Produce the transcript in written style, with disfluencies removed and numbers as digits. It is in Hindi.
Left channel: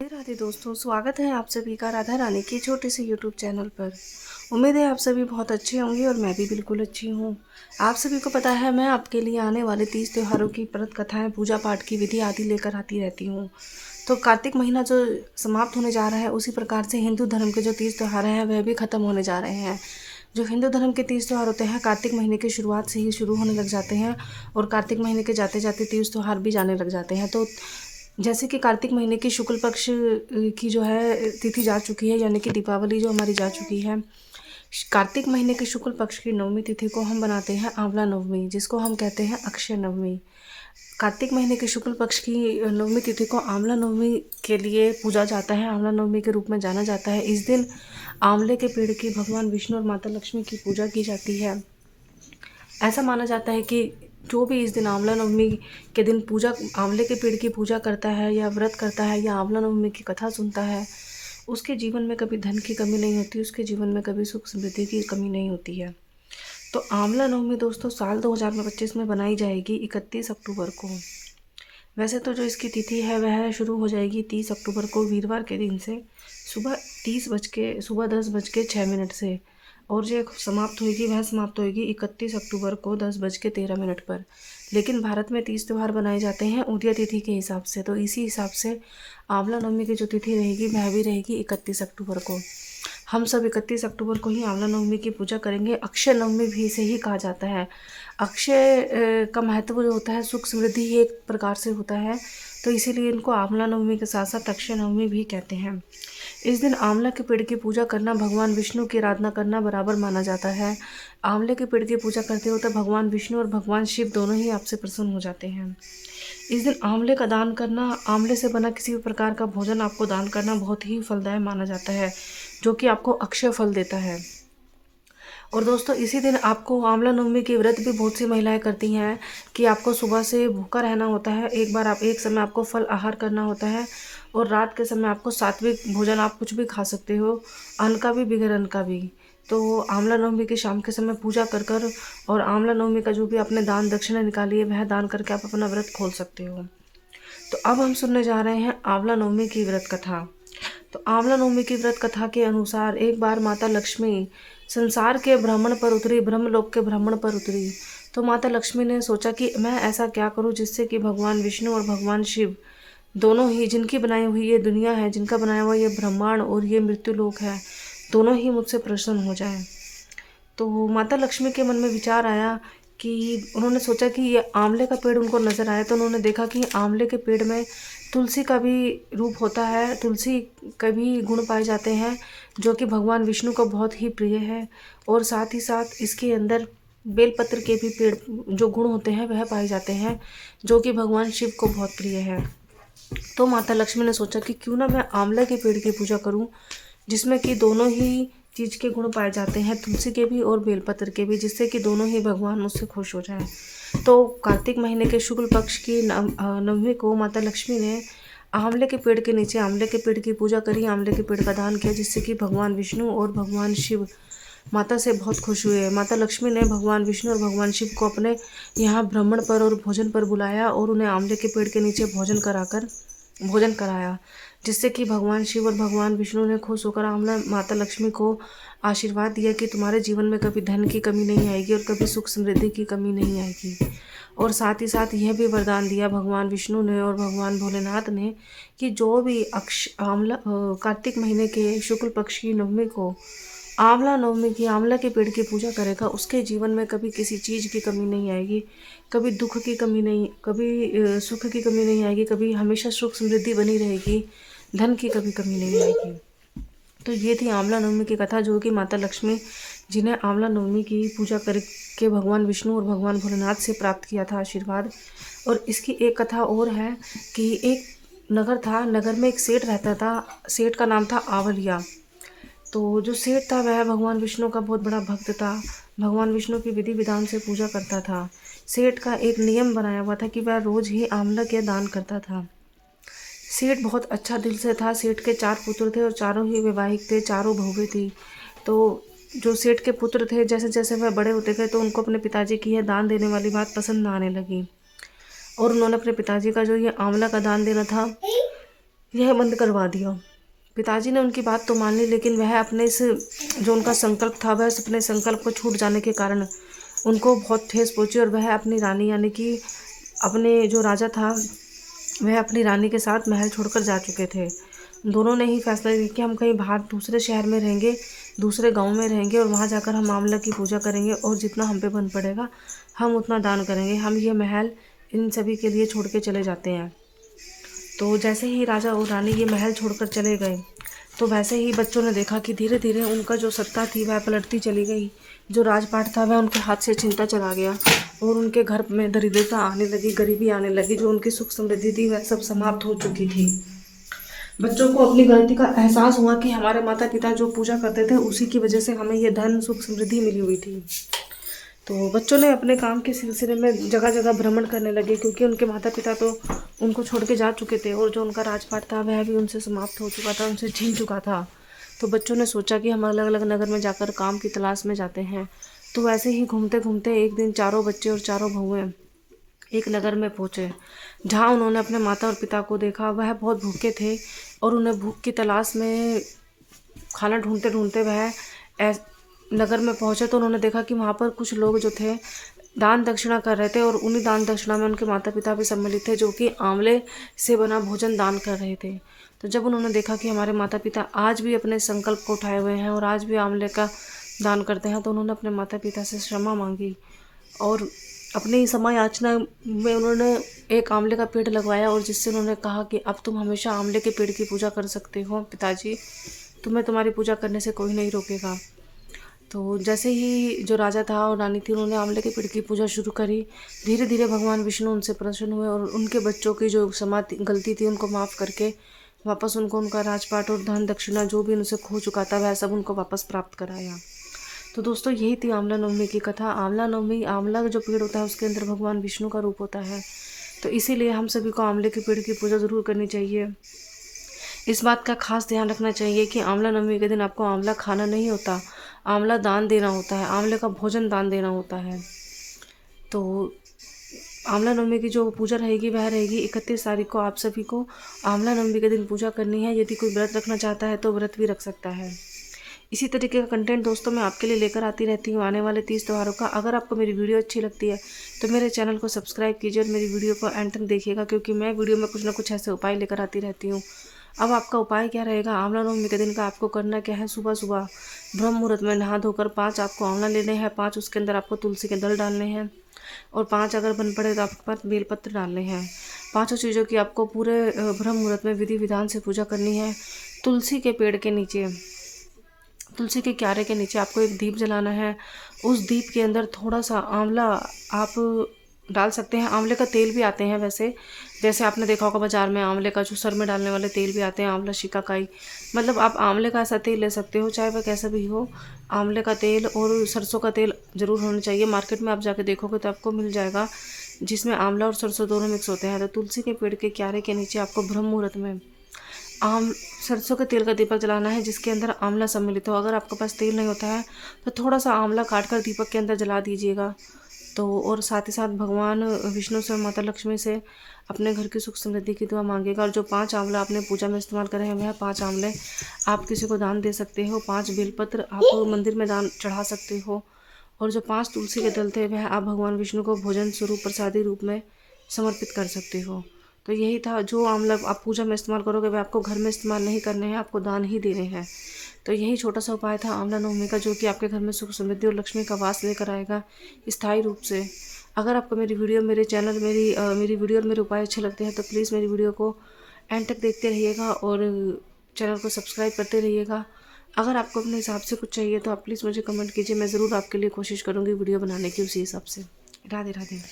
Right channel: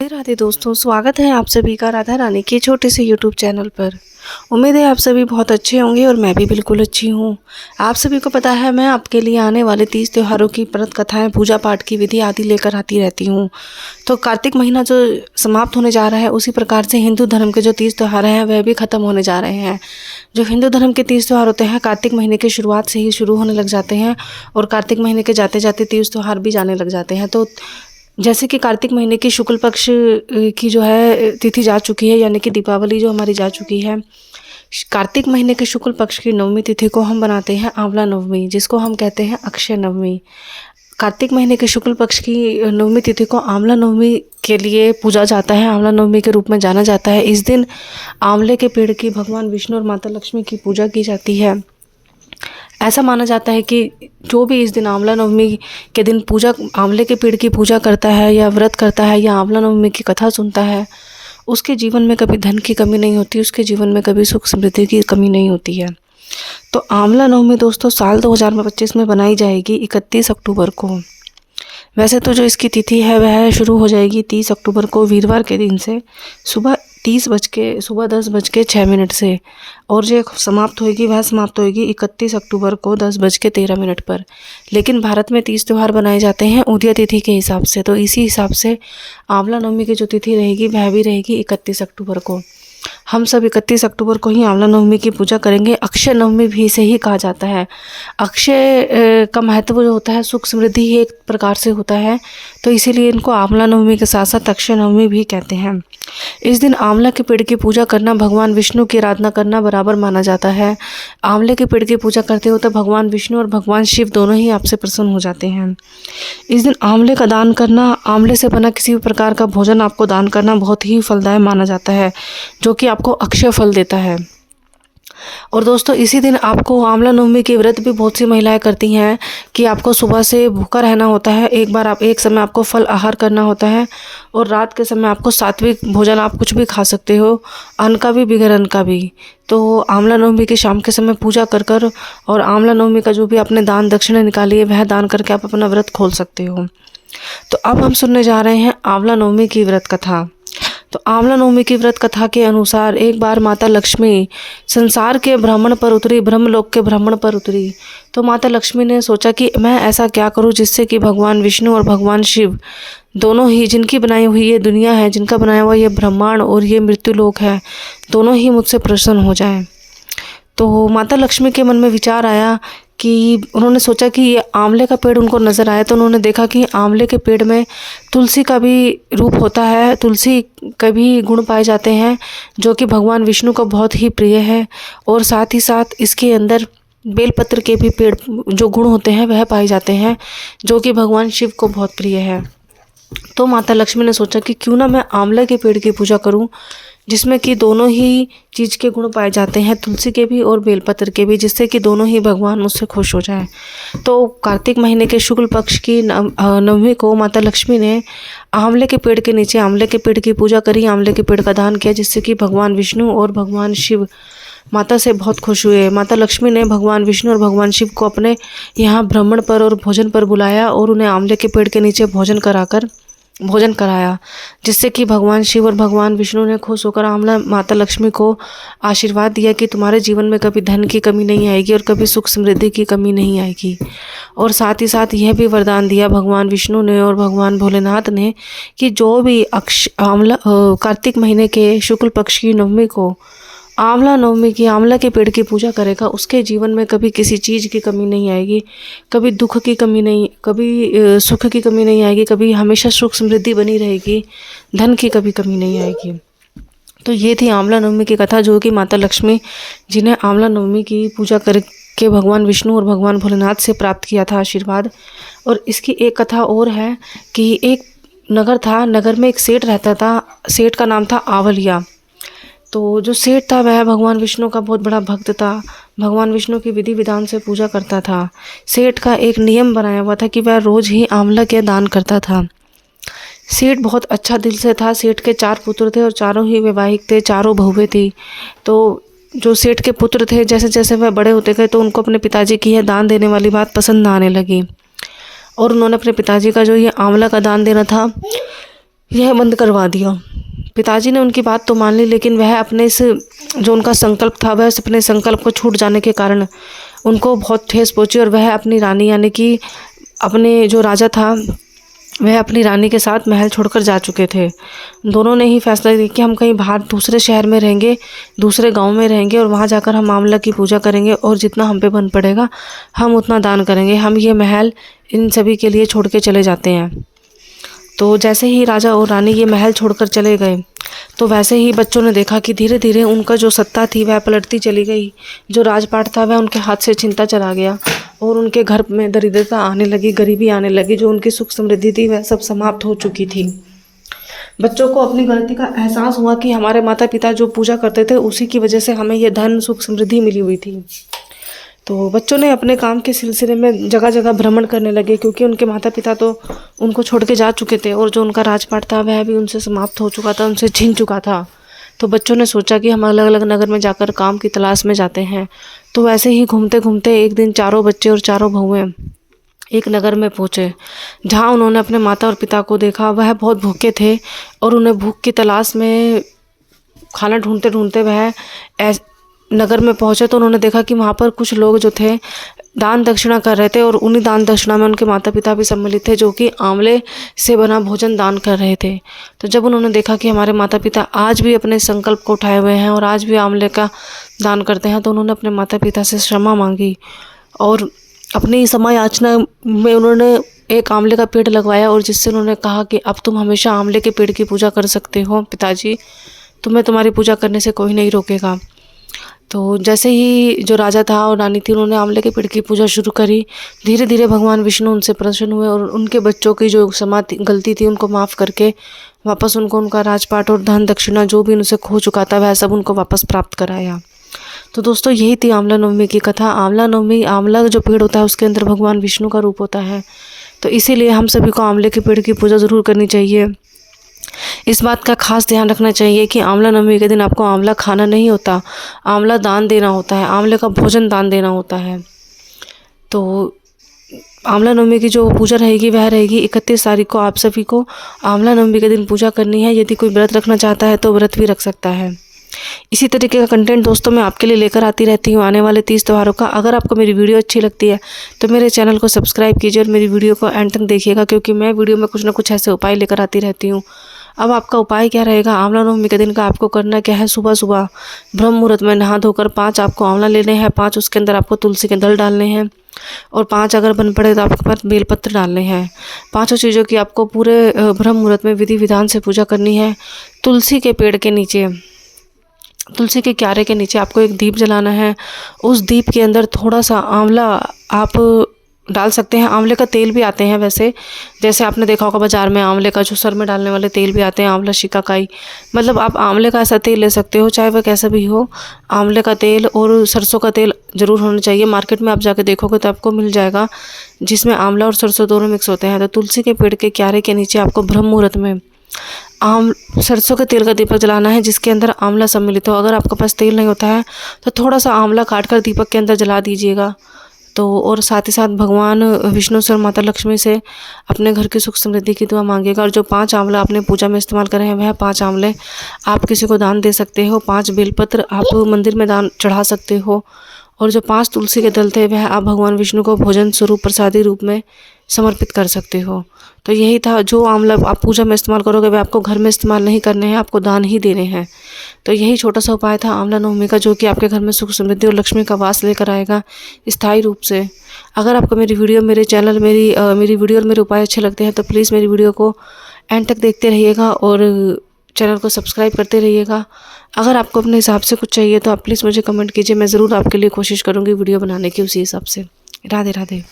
राधे राधे दोस्तों, स्वागत है आप सभी का राधा रानी के छोटे से यूट्यूब चैनल पर। उम्मीद है आप सभी बहुत अच्छे होंगे और मैं भी बिल्कुल अच्छी हूँ। आप सभी को पता है मैं आपके लिए आने वाले 30 त्योहारों की व्रत कथाएं, पूजा पाठ की विधि आदि लेकर आती रहती हूँ। तो कार्तिक महीना जो समाप्त होने जा रहा है, उसी प्रकार से हिंदू धर्म के जो 30 त्योहार हैं वह भी ख़त्म होने जा रहे हैं। जो हिंदू धर्म के 30 त्योहार होते हैं कार्तिक महीने की शुरुआत से ही शुरू होने लग जाते हैं और कार्तिक महीने के जाते जाते 30 त्योहार भी जाने लग जाते हैं। तो जैसे कि कार्तिक महीने की शुक्ल पक्ष की जो है तिथि जा चुकी है, यानी कि दीपावली जो हमारी जा चुकी है। कार्तिक महीने के शुक्ल पक्ष की नवमी तिथि को हम बनाते हैं आंवला नवमी, जिसको हम कहते हैं अक्षय नवमी। कार्तिक महीने के शुक्ल पक्ष की नवमी तिथि को आंवला नवमी के लिए पूजा जाता है, आंवला नवमी के रूप में जाना जाता है। इस दिन आंवले के पेड़ की भगवान विष्णु और माता लक्ष्मी की पूजा की जाती है। ऐसा माना जाता है कि जो भी इस दिन आंवला नवमी के दिन आंवले के पेड़ की पूजा करता है या व्रत करता है या आंवला नवमी की कथा सुनता है, उसके जीवन में कभी धन की कमी नहीं होती, उसके जीवन में कभी सुख समृद्धि की कमी नहीं होती है। तो आंवला नवमी दोस्तों साल 2025 में बनाई जाएगी 31 अक्टूबर को। वैसे तो जो इसकी तिथि है वह शुरू हो जाएगी 30 अक्टूबर को वीरवार के दिन से सुबह 10:06 से, और जो समाप्त होएगी वह समाप्त होएगी 31 अक्टूबर को 10:13 पर। लेकिन भारत में 30 त्यौहार बनाए जाते हैं उदय तिथि के हिसाब से, तो इसी हिसाब से आंवला नवमी की जो तिथि रहेगी वह भी रहेगी 31 अक्टूबर को। हम सब 31 अक्टूबर को ही आंवला नवमी की पूजा करेंगे। अक्षय नवमी भी इसे ही कहा जाता है। अक्षय का महत्व जो होता है सुख समृद्धि ही एक प्रकार से होता है, तो इसीलिए इनको आंवला नवमी के साथ साथ अक्षय नवमी भी कहते हैं। इस दिन आंवला के पेड़ की पूजा करना, भगवान विष्णु की आराधना करना बराबर माना जाता है। आंवले के पेड़ की पूजा करते हो तो भगवान विष्णु और भगवान शिव दोनों ही आपसे प्रसन्न हो जाते हैं। इस दिन आंवले का दान करना, आंवले से बना किसी भी प्रकार का भोजन आपको दान करना बहुत ही फलदायक माना जाता है, जो कि आपको अक्षय फल देता है। और दोस्तों इसी दिन आपको आंवला नवमी के व्रत भी बहुत सी महिलाएं करती हैं कि आपको सुबह से भूखा रहना होता है, एक समय आपको फल आहार करना होता है, और रात के समय आपको सात्विक भोजन, आप कुछ भी खा सकते हो, अन्न का भी बगैर अन्न का भी। तो आंवला नवमी की शाम के समय पूजा कर और आंवला नवमी का जो भी आपने दान दक्षिणा निकाली है वह दान करके आप अपना व्रत खोल सकते हो। तो अब हम सुनने जा रहे हैं आंवला नवमी की व्रत कथा। तो आंवला नवमी की व्रत कथा के अनुसार एक बार माता लक्ष्मी संसार के भ्रमण पर उतरी, ब्रह्मलोक के भ्रमण पर उतरी। तो माता लक्ष्मी ने सोचा कि मैं ऐसा क्या करूं जिससे कि भगवान विष्णु और भगवान शिव दोनों ही, जिनकी बनाई हुई ये दुनिया है, जिनका बनाया हुआ ये ब्रह्मांड और ये मृत्युलोक है, दोनों ही मुझसे प्रसन्न हो जाएं। तो माता लक्ष्मी के मन में विचार आया कि उन्होंने सोचा कि ये आंवले का पेड़ उनको नज़र आया, तो उन्होंने देखा कि आंवले के पेड़ में तुलसी का भी रूप होता है, तुलसी के भी गुण पाए जाते हैं, जो कि भगवान विष्णु को बहुत ही प्रिय है। और साथ ही साथ इसके अंदर बेलपत्र के भी पेड़ जो गुण होते हैं वह पाए जाते हैं, जो कि भगवान शिव को बहुत प्रिय है। तो माता लक्ष्मी ने सोचा कि क्यों ना मैं आंवले के पेड़ की पूजा करूं, जिसमें कि दोनों ही चीज़ के गुण पाए जाते हैं, तुलसी के भी और बेलपत्र के भी, जिससे कि दोनों ही भगवान मुझसे खुश हो जाएं। तो कार्तिक महीने के शुक्ल पक्ष की नवमी को माता लक्ष्मी ने आंवले के पेड़ के नीचे आंवले के पेड़ की पूजा करी, आंवले के पेड़ का दान किया, जिससे कि भगवान विष्णु और भगवान शिव माता से बहुत खुश हुए। माता लक्ष्मी ने भगवान विष्णु और भगवान शिव को अपने यहाँ भ्रमण पर और भोजन पर बुलाया और उन्हें आंवले के पेड़ के नीचे भोजन कराया, जिससे कि भगवान शिव और भगवान विष्णु ने खुश होकर आंवला माता लक्ष्मी को आशीर्वाद दिया कि तुम्हारे जीवन में कभी धन की कमी नहीं आएगी और कभी सुख समृद्धि की कमी नहीं आएगी। और साथ ही साथ यह भी वरदान दिया भगवान विष्णु ने और भगवान भोलेनाथ ने कि जो भी कार्तिक महीने के शुक्ल पक्ष की नवमी को आंवला नवमी की आंवला के पेड़ की पूजा करेगा, उसके जीवन में कभी किसी चीज़ की कमी नहीं आएगी, कभी दुख की कमी नहीं, कभी सुख की कमी नहीं आएगी, कभी हमेशा सुख समृद्धि बनी रहेगी, धन की कभी कमी नहीं आएगी। तो ये थी आंवला नवमी की कथा, जो कि माता लक्ष्मी जिन्हें आंवला नवमी की पूजा करके भगवान विष्णु और भगवान भोलेनाथ से प्राप्त किया था आशीर्वाद। और इसकी एक कथा और है कि एक नगर था, नगर में एक सेठ रहता था, सेठ का नाम था आवलिया। तो जो सेठ था वह भगवान विष्णु का बहुत बड़ा भक्त था, भगवान विष्णु की विधि विधान से पूजा करता था। सेठ का एक नियम बनाया हुआ था कि वह रोज़ ही आंवला के दान करता था। सेठ बहुत अच्छा दिल से था। सेठ के 4 पुत्र थे और चारों ही वैवाहिक थे, चारों बहुएं थी। तो जो सेठ के पुत्र थे, जैसे जैसे वह बड़े होते गए तो उनको अपने पिताजी की यह दान देने वाली बात पसंद ना आने लगी, और उन्होंने अपने पिताजी का जो ये आंवला का दान देना था यह बंद करवा दिया। पिताजी ने उनकी बात तो मान ली, लेकिन वह अपने इस जो उनका संकल्प था, वह अपने संकल्प को छूट जाने के कारण उनको बहुत ठेस पहुंची और वह अपनी रानी यानी कि अपने जो राजा था वह अपनी रानी के साथ महल छोड़कर जा चुके थे। दोनों ने ही फैसला लिया कि हम कहीं बाहर दूसरे शहर में रहेंगे, दूसरे गांव में रहेंगे और वहां जाकर हम आंवला की पूजा करेंगे और जितना हम पे बन पड़ेगा हम उतना दान करेंगे। हम ये महल इन सभी के लिए छोड़ के चले जाते हैं। तो जैसे ही राजा और रानी ये महल छोड़कर चले गए, तो वैसे ही बच्चों ने देखा कि धीरे धीरे उनका जो सत्ता थी वह पलटती चली गई। जो राजपाट था वह उनके हाथ से छिनता चला गया और उनके घर में दरिद्रता आने लगी, गरीबी आने लगी। जो उनकी सुख समृद्धि थी वह सब समाप्त हो चुकी थी। बच्चों को अपनी गलती का एहसास हुआ कि हमारे माता पिता जो पूजा करते थे उसी की वजह से हमें ये धन सुख समृद्धि मिली हुई थी। तो बच्चों ने अपने काम के सिलसिले में जगह जगह भ्रमण करने लगे, क्योंकि उनके माता पिता तो उनको छोड़ के जा चुके थे और जो उनका राजपाट था वह भी उनसे समाप्त हो चुका था, उनसे छीन चुका था। तो बच्चों ने सोचा कि हम अलग अलग नगर में जाकर काम की तलाश में जाते हैं। तो वैसे ही घूमते घूमते एक दिन चारों बच्चे और चारों बहुएं एक नगर में पहुँचे, जहाँ उन्होंने अपने माता और पिता को देखा। वह बहुत भूखे थे और उन्हें भूख की तलाश में खाना ढूंढते ढूंढते वह नगर में पहुँचे। तो उन्होंने देखा कि वहाँ पर कुछ लोग जो थे दान दक्षिणा कर रहे थे और उन्हीं दान दक्षिणा में उनके माता पिता भी सम्मिलित थे, जो कि आंवले से बना भोजन दान कर रहे थे। तो जब उन्होंने देखा कि हमारे माता पिता आज भी अपने संकल्प को उठाए हुए हैं और आज भी आंवले का दान करते हैं, तो उन्होंने अपने माता पिता से क्षमा मांगी और अपनी समय याचना में उन्होंने एक आंवले का पेड़ लगवाया और जिससे उन्होंने कहा कि अब तुम हमेशा आंवले के पेड़ की पूजा कर सकते हो पिताजी, तुम्हें तुम्हारी पूजा करने से कोई नहीं रोकेगा। तो जैसे ही जो राजा था और रानी थी उन्होंने आंवले के पेड़ की पूजा शुरू करी। धीरे धीरे भगवान विष्णु उनसे प्रसन्न हुए और उनके बच्चों की जो गलती थी उनको माफ़ करके वापस उनको उनका राजपाट और धन दक्षिणा जो भी उनसे खो चुका था वह सब उनको वापस प्राप्त कराया। तो दोस्तों यही थी आंवला नवमी की कथा। आंवला नवमी, आंवला जो पेड़ होता है उसके अंदर भगवान विष्णु का रूप होता है, तो इसीलिए हम सभी को आंवले के पेड़ की पूजा ज़रूर करनी चाहिए। इस बात का खास ध्यान रखना चाहिए कि आंवला नवमी के दिन आपको आंवला खाना नहीं होता, आंवला दान देना होता है, आंवले का भोजन दान देना होता है। तो आंवला नवमी की जो पूजा रहेगी वह रहेगी 31 तारीख को। आप सभी को आंवला नवमी के दिन पूजा करनी है। यदि कोई व्रत रखना चाहता है तो व्रत भी रख सकता है। इसी तरीके का कंटेंट दोस्तों मैं आपके लिए लेकर आती रहती हूँ आने वाले 30 त्योहारों का। अगर आपको मेरी वीडियो अच्छी लगती है तो मेरे चैनल को सब्सक्राइब कीजिए और मेरी वीडियो को एंड तक देखिएगा, क्योंकि मैं वीडियो में कुछ ना कुछ ऐसे उपाय लेकर आती रहती हूँ। अब आपका उपाय क्या रहेगा आंवला नवमी के दिन का? आपको करना क्या है, सुबह सुबह ब्रह्म मुहूर्त में नहा धोकर 5 आपको आंवला लेने हैं, 5 उसके अंदर आपको तुलसी के दल डालने हैं और 5 अगर बन पड़े तो आपके पास बेलपत्र डालने हैं। 5 चीज़ों की आपको पूरे ब्रह्म मुहूर्त में विधि विधान से पूजा करनी है। तुलसी के पेड़ के नीचे, तुलसी के क्यारे के नीचे आपको एक दीप जलाना है। उस दीप के अंदर थोड़ा सा आंवला आप डाल सकते हैं। आंवले का तेल भी आते हैं वैसे, जैसे आपने देखा होगा बाज़ार में आंवले का जो सर में डालने वाले तेल भी आते हैं, आंवला शिकाकाई, मतलब आप आंवले का ऐसा तेल ले सकते हो, चाहे वह कैसा भी हो। आंवले का तेल और सरसों का तेल ज़रूर होना चाहिए। मार्केट में आप जाके देखोगे तो आपको मिल जाएगा, जिसमें आंवला और सरसों दोनों मिक्स होते हैं। तो तुलसी के पेड़ के क्यारे के नीचे आपको ब्रह्म मुहूर्त में सरसों के तेल का दीपक जलाना है, जिसके अंदर आंवला सम्मिलित हो। अगर आपके पास तेल नहीं होता है तो थोड़ा सा आंवला काट कर दीपक के अंदर जला दीजिएगा। तो और साथ ही साथ भगवान विष्णु से और माता लक्ष्मी से अपने घर की सुख समृद्धि की दुआ मांगेगा। और जो 5 आंवला आपने पूजा में इस्तेमाल करे हैं वह 5 आंवले आप किसी को दान दे सकते हो। 5 बेलपत्र आप मंदिर में दान चढ़ा सकते हो। और जो 5 तुलसी के दल थे वह आप भगवान विष्णु को भोजन स्वरूप प्रसादी रूप में समर्पित कर सकते हो। तो यही था, जो आंवला आप पूजा में इस्तेमाल करोगे वह आपको घर में इस्तेमाल नहीं करने हैं, आपको दान ही देने हैं। तो यही छोटा सा उपाय था आंवला नवमी का, जो कि आपके घर में सुख समृद्धि और लक्ष्मी का वास लेकर आएगा स्थायी रूप से। अगर आपको मेरी वीडियो, मेरे चैनल, मेरी वीडियो और मेरे उपाय अच्छे लगते हैं तो प्लीज़ मेरी वीडियो को एंड तक देखते रहिएगा और चैनल को सब्सक्राइब करते रहिएगा। अगर आपको अपने हिसाब से कुछ चाहिए तो आप प्लीज़ मुझे कमेंट कीजिए, मैं ज़रूर आपके लिए कोशिश करूँगी वीडियो बनाने की उसी हिसाब से। राधे राधे।